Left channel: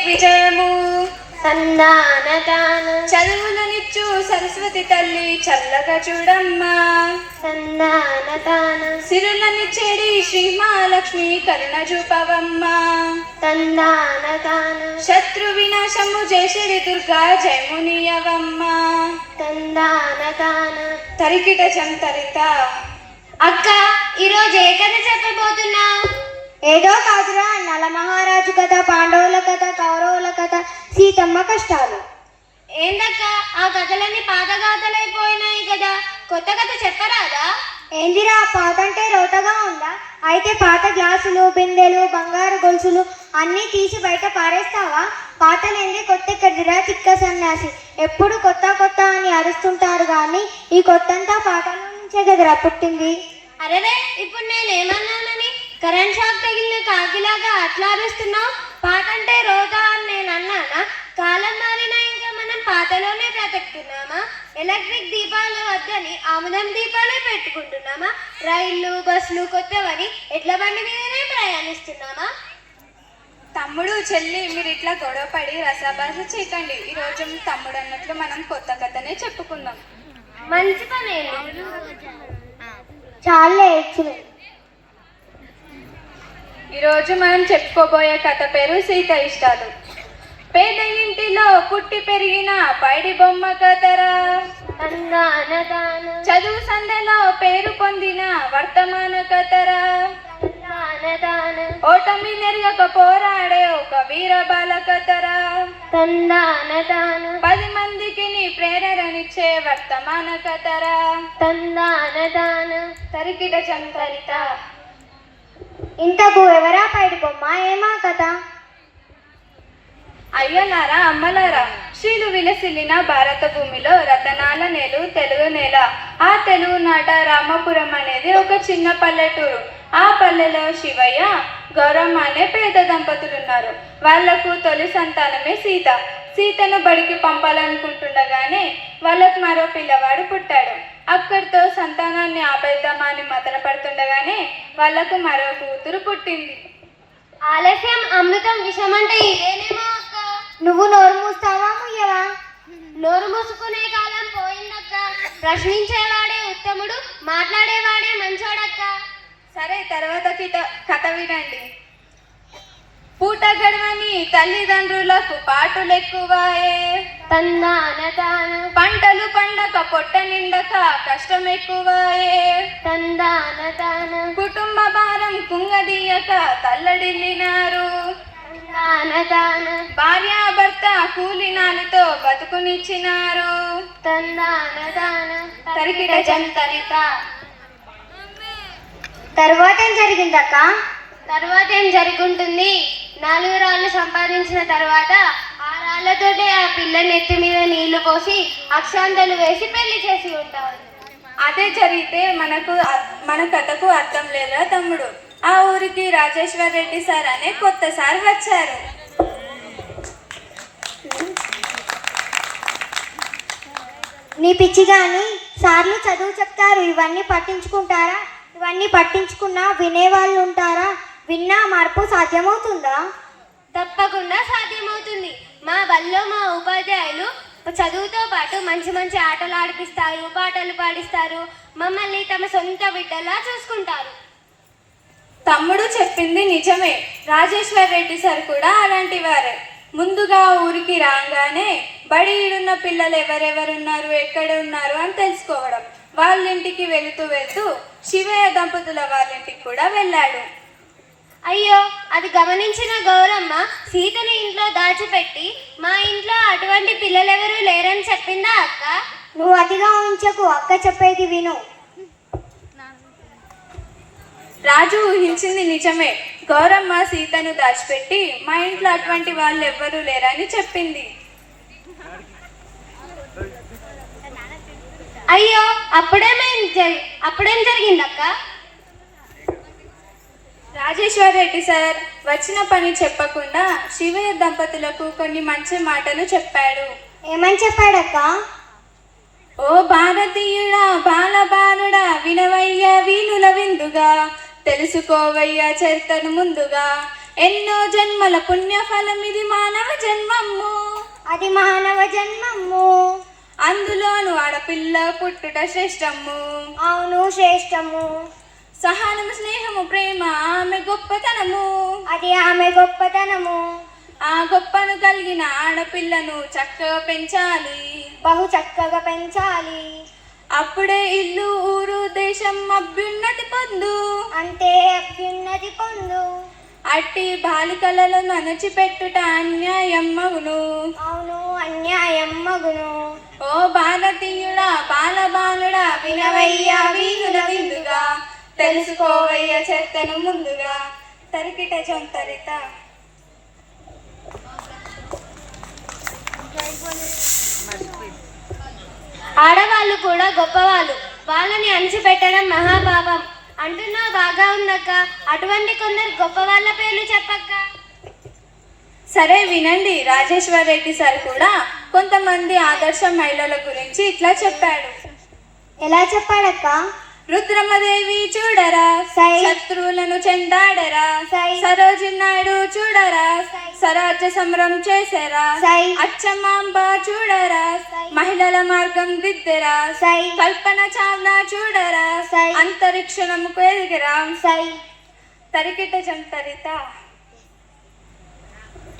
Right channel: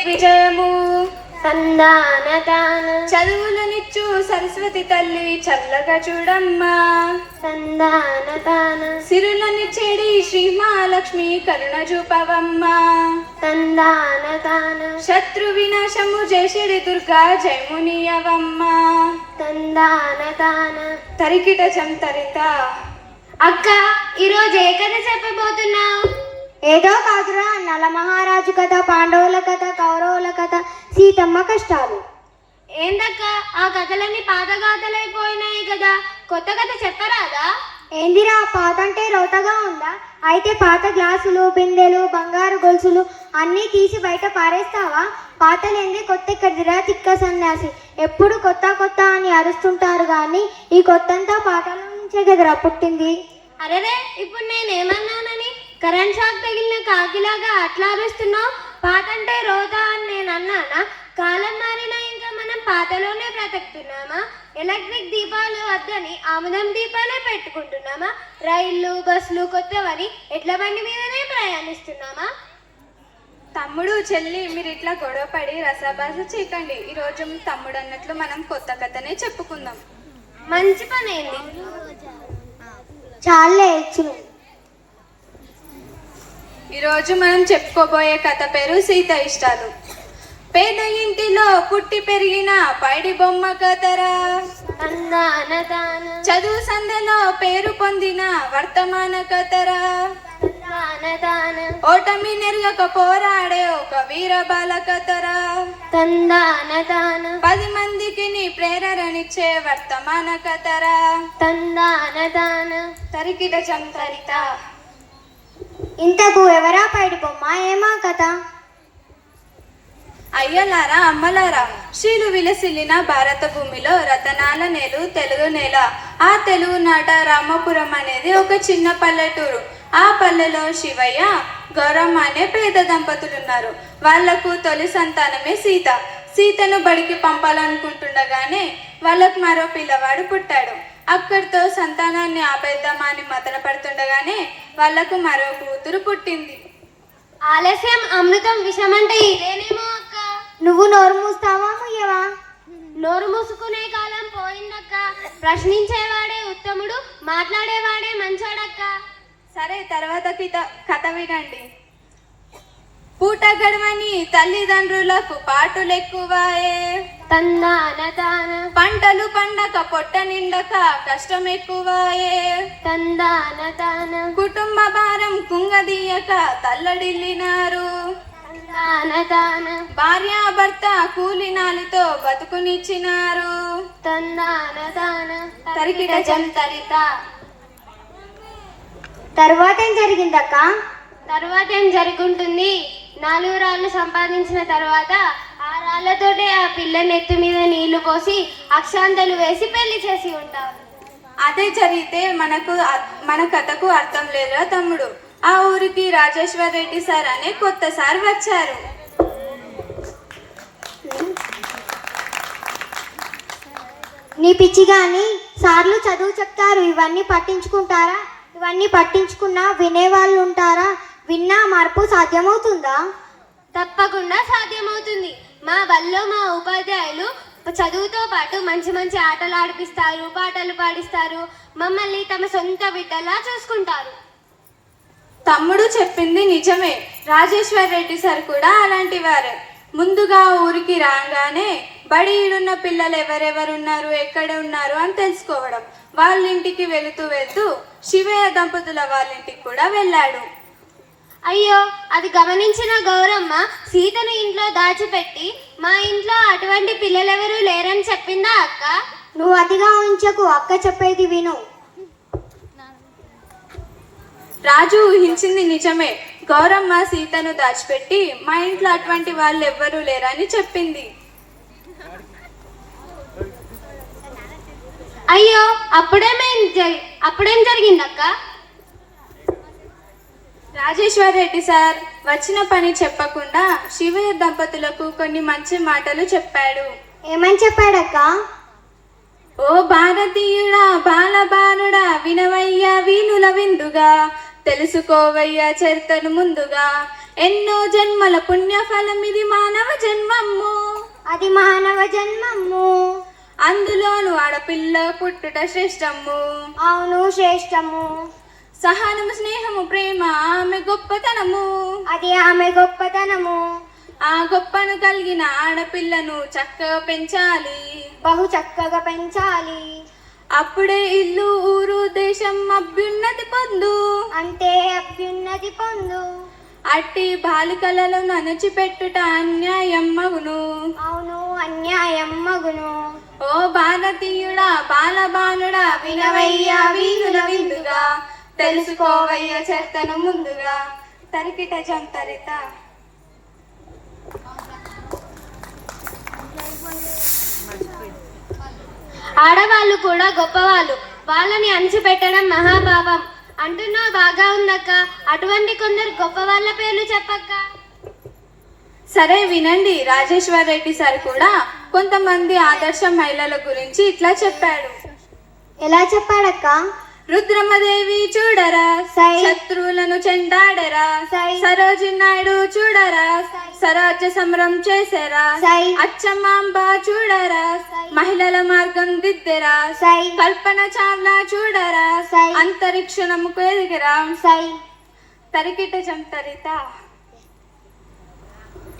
దిగ్విజయము సందానదాన చదువులనిచ్చు సరస్వతి తల్లి చల్లగా చూడమ్మా. సందానదాన సిరులనిచ్చేడి శ్రీ మహాలక్ష్మి కరుణ చూపవమ్మా. సందానదాన శత్రు వినాశము జయశ్రీ దుర్గా జయమునియవమ్మా. సందానదాన తరికిట చంతరిత. అక్క ఈరోజు ఏ కథ చెప్పబోతున్నా? ఏదో కాదురా నల మహారాజు కథ పాండవుల కథ కౌరవుల కథ సీతమ్మ కష్టాలు. ఏందక్క ఆ కథలన్నీ పాత గాథలైపోయినాయి కదా. కొత్త కథ చెప్పరాదా? ఏందిరా పాత అంటే రోతగా ఉందా? అయితే పాత గ్లాసులు బిందెలు బంగారు గొలుసులు అన్నీ తీసి బయట పారేస్తావా? పాతలేంది కొత్త ఎక్కడిదిరా తిక్క సన్యాసి ఎప్పుడు కొత్త కొత్త అని అరుస్తుంటారు కానీ ఈ కొత్తంతా పాతల నుంచే కదరా పుట్టింది. అరేరే ఇప్పుడు నేను ఏమన్నానని కరెంట్ షాక్ తగిలిన కాకిలాగా అట్లా అరుస్తున్నావు? పాత అంటే రోజా అని నేను అన్నానా? కాలం మారినా ఇంకా మనం పాతలోనే బ్రతుకుతున్నామా? ఎలక్ట్రిక్ దీపాలు వద్దని ఆముదం దీపాలే పెట్టుకుంటున్నామా? రైళ్ళు బస్సులు కొత్తవని ఎడ్ల బండి మీదనే ప్రయాణిస్తున్నామా? తమ్ముడు చెల్లి మీరు ఇట్లా గొడవ పడి రసాభాస చేయకండి ఈ రోజు తమ్ముడు అన్నట్లు మనం కొత్త కథనే చెప్పుకుందాం. మంచి పని చాలే ఇచ్చిన ఈరోజు మనం చెప్పుకోబోయే కథ పేరు సీత ఇష్టాలు. పేద ఇంటిలో పుట్టి పెరిగిన పైడి బొమ్మ కథరా చదువు సందెలో పేరు పొందిన వర్తమాన కథరా ఓటమి నెరగక పోరాడే ఒక వీర బాల కథరా పది మందికి నీ ప్రేరణనిచ్చే వర్తమాన కథరా తరికిట చంతరిత ఇంతకు ఎవరా పైడి బొమ్మ? ఏమా కథ? అయ్యలారా అమ్మలారా శ్రీలు విలసిల్లిన భారత భూమిలో రతనాల నేలు తెలుగు నేల. ఆ తెలుగు నాట రామపురం అనేది ఒక చిన్న పల్లెటూరు. ఆ పల్లెలో శివయ్య గౌరమ్మ అనే పేద దంపతులు ఉన్నారు వాళ్ళకు తొలి సంతానమే సీత. సీతను బడికి పంపాలనుకుంటుండగానే వాళ్ళకు మరో పిల్లవాడు పుట్టాడు. అక్కడితో సంతానాన్ని ఆపేద్దామని మతన పడుతుండగానే వాళ్ళకు మరో కూతురు పుట్టింది. ఆలస్యం అమృతం విషం అంటే ఇదేనేమో అక్క? నువ్వు నోరు మూస్తావా ముయ్యవా? నోరు మూసుకునే కాలం పోయిందక్క. ప్రశ్నించేవాడే ఉత్తముడు మాట్లాడేవాడే మంచోడక్క. సరే తర్వాత కిత కథ వినండి. పూట గడవని తల్లిదండ్రులకు పాటులు ఎక్కువాయే తందానదాన పంటలు పండక పొట్ట నిండక కష్టం ఎక్కువాయే తందానదాన కుటుంబ భారం కుంగదీయక తల్లడిల్లినారు. భార్య భర్త కూలినాలతో బతుకునిచ్చినారు. తరికిట తర్వాత ఏం జరిగిందక్క? తర్వాత ఏం జరుగుంటుంది? నాలుగు రాళ్ళు సంపాదించిన తర్వాత ఆ రాళ్ళతోటే ఆ పిల్ల నెత్తి మీద నీళ్ళు పోసి అక్షాంతలు వేసి పెళ్ళి చేసి ఉంటారు. అదే జరిగితే మనకు మన కథకు అర్థం లేదా తమ్ముడు? ఆ ఊరికి రాజేశ్వర్ రెడ్డి సార్ అనే కొత్త సార్ వచ్చారు. నీ పిచ్చి గాని సార్లు చదువు చెప్తారు. ఇవన్నీ పట్టించుకుంటారా? ఇవన్నీ పట్టించుకున్నా వినేవాళ్ళు ఉంటారా? విన్నా మార్పు సాధ్యమవుతుందా? తప్పకుండా సాధ్యమవుతుంది. మా బల్లో మా ఉపాధ్యాయులు చదువుతో పాటు మంచి మంచి ఆటలు ఆడిపిస్తారు పాటలు పాడిస్తారు. మమ్మల్ని తమ సొంత బిడ్డలా చూసుకుంటారు. తమ్ముడు చెప్పింది నిజమే. రాజేశ్వర్ రెడ్డి సార్ కూడా అలాంటి వారే. ముందుగా ఊరికి రాగానే బడి ఈడున్న పిల్లలు ఎవరెవరున్నారు ఎక్కడ ఉన్నారు అని తెలుసుకోవడం. వాళ్ళ ఇంటికి వెళుతూ వెళ్తూ శివయ్య దంపతుల వాళ్ళ ఇంటికి కూడా వెళ్ళాడు. అయ్యో అది గమనించిన గౌరమ్మ సీతని ఇంట్లో దాచిపెట్టి మా ఇంట్లో అటువంటి పిల్లలెవరూ లేరని చెప్పిందా అక్క? నువ్వు అతిగా ఉంచకు అక్క చెప్పేది విను. రాజు ఊహించింది నిజమే. గౌరమ్మ సీతను దాచిపెట్టి మా ఇంట్లో అటువంటి వాళ్ళు ఎవ్వరూ లేరని చెప్పింది. అయ్యో అప్పుడేమేం జరి అప్పుడేం జరిగింది అక్క రాజేశ్వర్ రెడ్డి సార్ వచ్చిన పని చెప్పకుండా శివయ్య దంపతులకు కొన్ని మంచి మాటలు చెప్పాడు. ఏమని చెప్పాడక్క? ఓ భారతీయుడా బాలబాలుడా వినవయ్యా వీణుల విందుగా తెలుసుకోవయ్యా చరిత్రను ముందుగా. ఎన్నో జన్మల పుణ్యఫలం ఇది మానవ జన్మము. అది మానవ జన్మము. అందులోను ఆడపిల్ల పుట్టుట శ్రేష్టము. అవును శ్రేష్టము. సహనము స్నేహము ప్రేమ ఆమె గొప్పతనము. అది ఆమె గొప్పతనము. ఆ గొప్పను కలిగిన ఆడపిల్లను చక్కగా పెంచాలి. బహు చక్కగా పెంచాలి. అప్పుడే ఇల్లు ఊరు దేశం అభ్యున్నతి పొందు. అంటే అభ్యున్నతి పొందు. అట్టి బాలికలలో ననచిపెట్టుట అన్యాయం మగును. అవును అన్యాయం మగును. ఓ భారతీయుడా బాలబాలుడా వినవయ్యా వీరుల విందుగా. తెలుసుకోవయ్య చెత్తను ముందుగా. తరికిట చంతరిత ఆడవాళ్ళు కూడా గొప్పవాళ్ళు. వాళ్ళని అణిచిపెట్టడం మహాభావం అంటున్నావు బాగా ఉందక్క. అటువంటి కొందరు గొప్ప వాళ్ళ పేర్లు చెప్పక్క. సరే వినండి. రాజేశ్వర్ రెడ్డి సార్ కూడా కొంతమంది ఆదర్శ మహిళల గురించి ఇట్లా చెప్పాడు. ఎలా చెప్పాడక్క? రుద్రమదేవి చూడరా సై. శత్రువులను చెండాడరా సై. సరోజి నాయుడు చూడరా స్వరాజ్య సమరం చేశారా సై. అచ్చమాంబ చూడరా. మహిళల మార్గం దిద్దెరా సై కల్పన చావ్లా చూడరా సై. అంతరిక్షణముకు ఎదిగరా సై తరికిట జంతరిత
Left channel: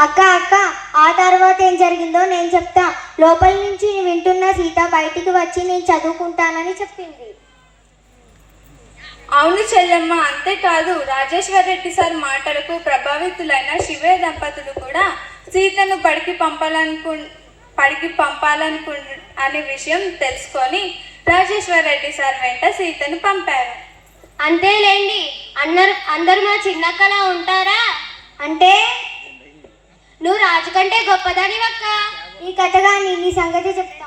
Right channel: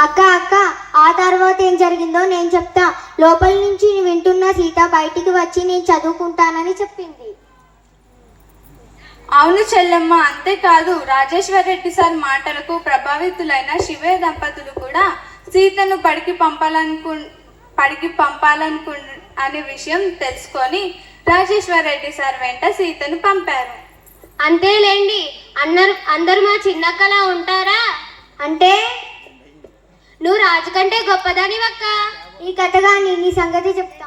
అక్క అక్క ఆ తర్వాత ఏం జరిగిందో నేను చెప్తా లోపల నుంచి వింటున్న సీత బయటికి వచ్చి నేను చదువుకుంటానని చెప్పింది అవును చెల్లెమ్మ అంతేకాదు రాజేశ్వర్ రెడ్డి సార్ మాటలకు ప్రభావితులైన శివే దంపతులు కూడా సీతను పడికి పంపాలనుకు పడికి పంపాలనుకు అనే విషయం తెలుసుకొని రాజేశ్వర్ రెడ్డి సార్ వెంట సీతను పంపారు. అంతేలేండి అందరు అందరు మా చిన్నక్కలా ఉంటారా? అంటే? నువ్వు రాజు కంటే గొప్పదని అక్క ఈ కథగా నీ సంగతి చెప్తా.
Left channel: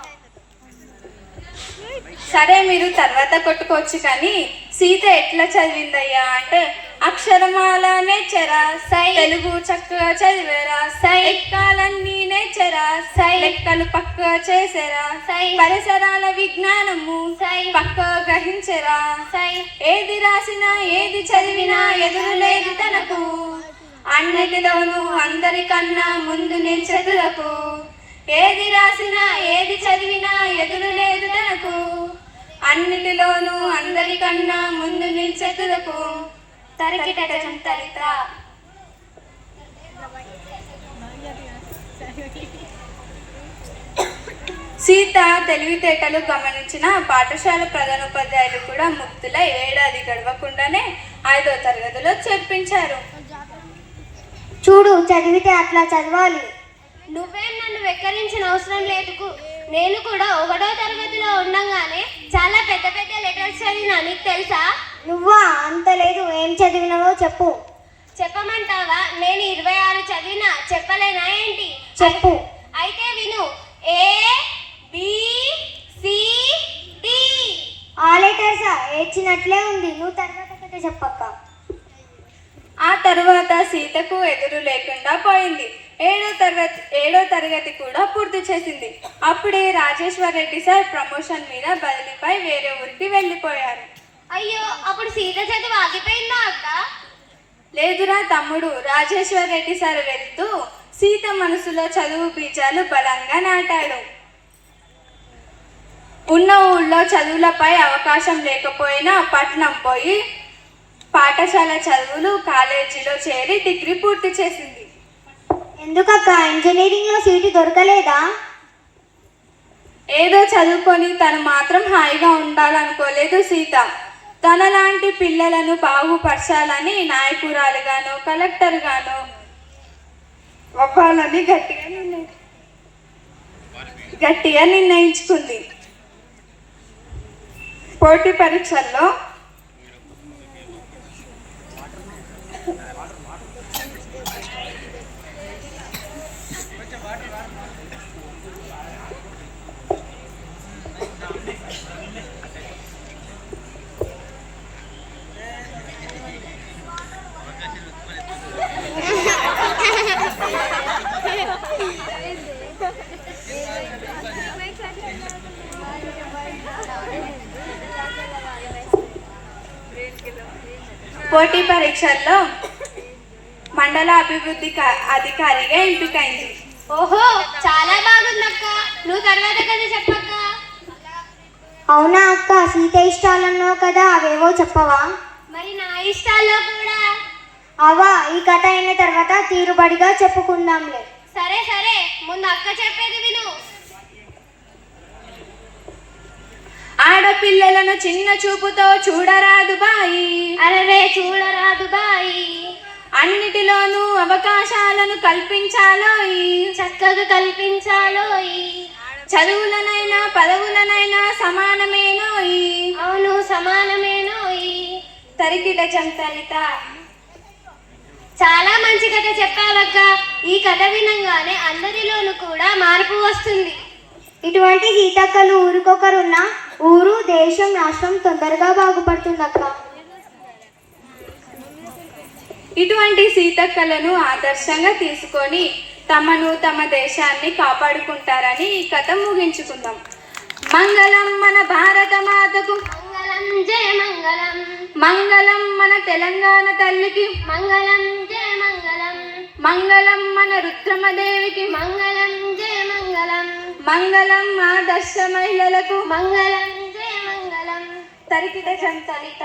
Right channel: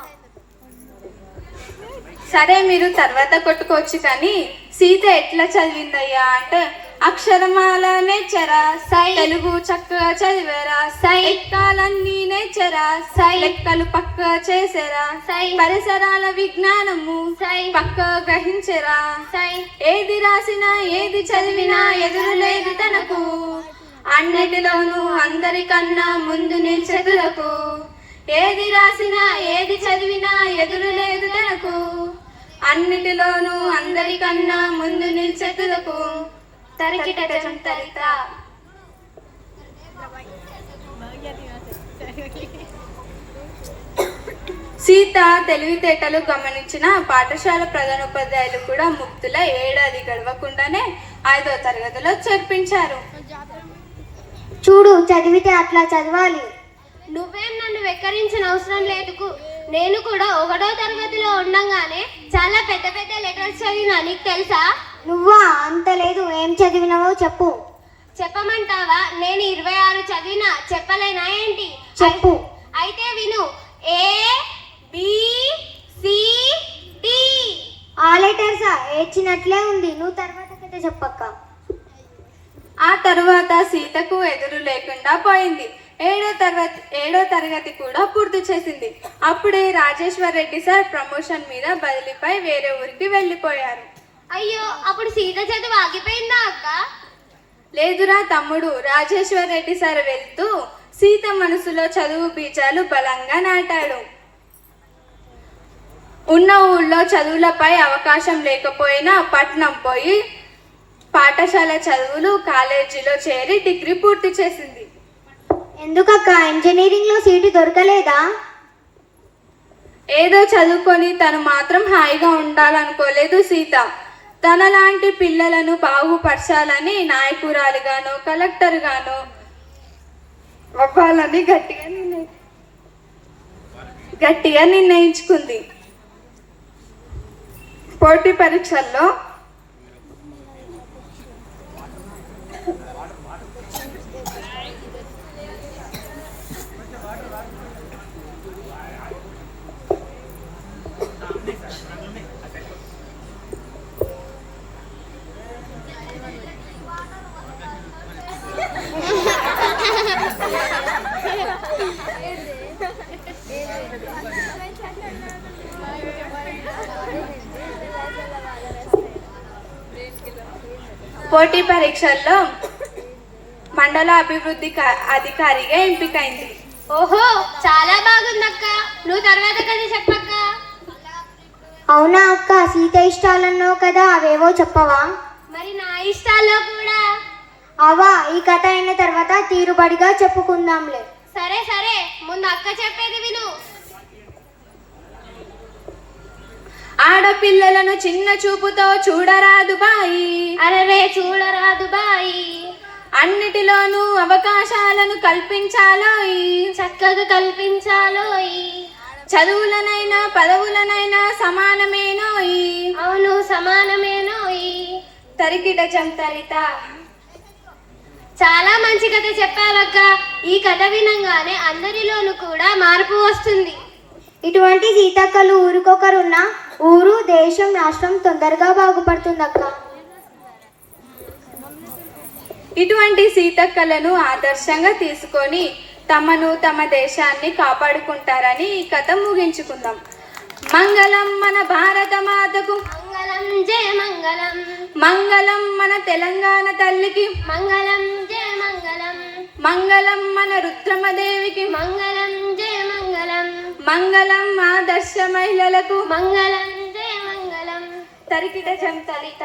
సరే మీరు తర్వాత కొట్టుకోవచ్చు కానీ సీత ఎట్లా చదివిందయ్యా? అంటే అక్షరమాల చరా సై తెలుగు చక్కగా చదివేరా సై ఎక్కాలన్నీ నేర్చరా సై లెక్కలు పక్కగా చేసేరా సై పరిసరాల విజ్ఞానము సై పక్కా గ్రహించరా సై ఏది రాసినా ఏది చదివినా ఎదురు లేదు తనకు. అన్నిటిలోనూ అందరికన్నా ముందు నేను ఏది రాసినా ఏది చదివినా ఎదురు లేదు తనకు అన్నిటిలోనూ అందరికన్నా ముందు నిల్చెతులకు తరికిటం తరిత సీత తెలివితేటలు గమనించిన పాఠశాల ప్రధానోపాధ్యాయులు కూడా ముక్తుల ఏడాది గడవకుండానే ఐదో తరగతిలో చేర్పించారు. చూడు చదివితే అట్లా చదవాలి. నువ్వేం నన్ను వెక్కరించిన అవసరం లేదు నేను కూడా ఒకటో తరగతిలో ఉండగానే చాలా పెద్ద పెద్ద లెటర్స్ చదివినా నీకు తెలుసా? నువ్వా? అంత లేదు. ఏం చదివినావో చెప్పు. చెప్పమంటావా? నేను ఇరవై ఆరు చదివినా చెప్పలేనా ఏంటి? చెప్పు. అయితే విను. A B C D. ఆ లెటర్సా ఏడ్చినట్లే ఉంది. నువ్వు తర్వాత కథ చెప్పక్క. ఆ తరువాత సీతకు ఎదురు లేకుండా పోయింది. ఏడో తరగతి ఏడో తరగతి కూడా పూర్తి చేసింది. అప్పుడే రాజేశ్వర్ రెడ్డి సార్ ప్రమోషన్ మీద బదిలీపై వేరే ఊరికి వెళ్ళిపోయారు. అయ్యో అప్పుడు సీత చదువు ఆగిపోయిందా అక్క? లేదురా తమ్ముడు రాజేశ్వర్ రెడ్డి సార్ వెళ్తూ సీత మనసులో చదువు బీజాలు బలంగా నాటాడు. ఉన్న ఊళ్ళో చదువులపై అవకాశం లేకపోయినా పట్నం పోయి పాఠశాల చదువులు కాలేజీలో చేరి డిగ్రీ పూర్తి చేసింది. ఎందుకక్క? ఇంజనీరింగ్లో సీటు దొరకలేదా? ఏదో చదువుకొని తను మాత్రం హాయిగా ఉండాలనుకోలేదు సీత. తనలాంటి పిల్లలను బాగుపరచాలని నాయకురాలుగాను కలెక్టర్గాను అవ్వాలని గట్టిగా నిర్ణయి గట్టిగా నిర్ణయించుకుంది. పోటీ పరీక్షల్లో పోటీ పరీక్షల్లో మండల అభివృద్ధి కా- అధికారిగా ఎంపికైంది. ఓహో చాలా బాగుందక్క. నువ్వు తర్వాత కథ చెప్పక్క. అవునా అక్క సీత ఇష్టాలన్నావు కదా అవేవో చెప్పవా? మరి నా ఇష్టాల్లో కూడా. అవా ఈ కథ అయిన తర్వాత తీరుబడిగా చెప్పుకుందాంలే. సరే సరే ముందు అక్క చెప్పేది విను ఆడపిల్లలను చిన్న చూపుతో చూడరాదు బాయి. అరరే చూడరాదు బాయి. అన్నిటిలోనూ అవకాశాలను కల్పించాలోయి. చక్కగా కల్పించాలోయి. చదువులనైనా పదవులనైనా సమానమేనోయి. అవును సమానమేనోయి. తరికిట చంతరిత. చాలా మంచి కథ చెప్పావక్క. ఈ కథ వినంగానే అందరిలోనూ కూడా మార్పు వస్తుంది. ఇటువంటి సీతక్కలు ఊరికొకరున్న ఊరు దేశం రాష్ట్రం తొందరగా బాగుపడుతుందక్క. ఇటువంటి సీతక్కలను ఆదర్శంగా తీసుకొని తమను తమ దేశాన్ని కాపాడుకుంటారని ఈ కథ ముగించుకుందాం. మంగళం మన భారత మాతకు మంగళం జయ మంగళం. మంగళం మన తెలంగాణ తల్లికి. మంగళం జయ మంగళం. మంగళం మన రుద్రమదేవికి. మంగళం మంగళం మంగళం ఆదర్శ మహిళలకు మంగళం జయ మంగళం. తరికిట చంతలిత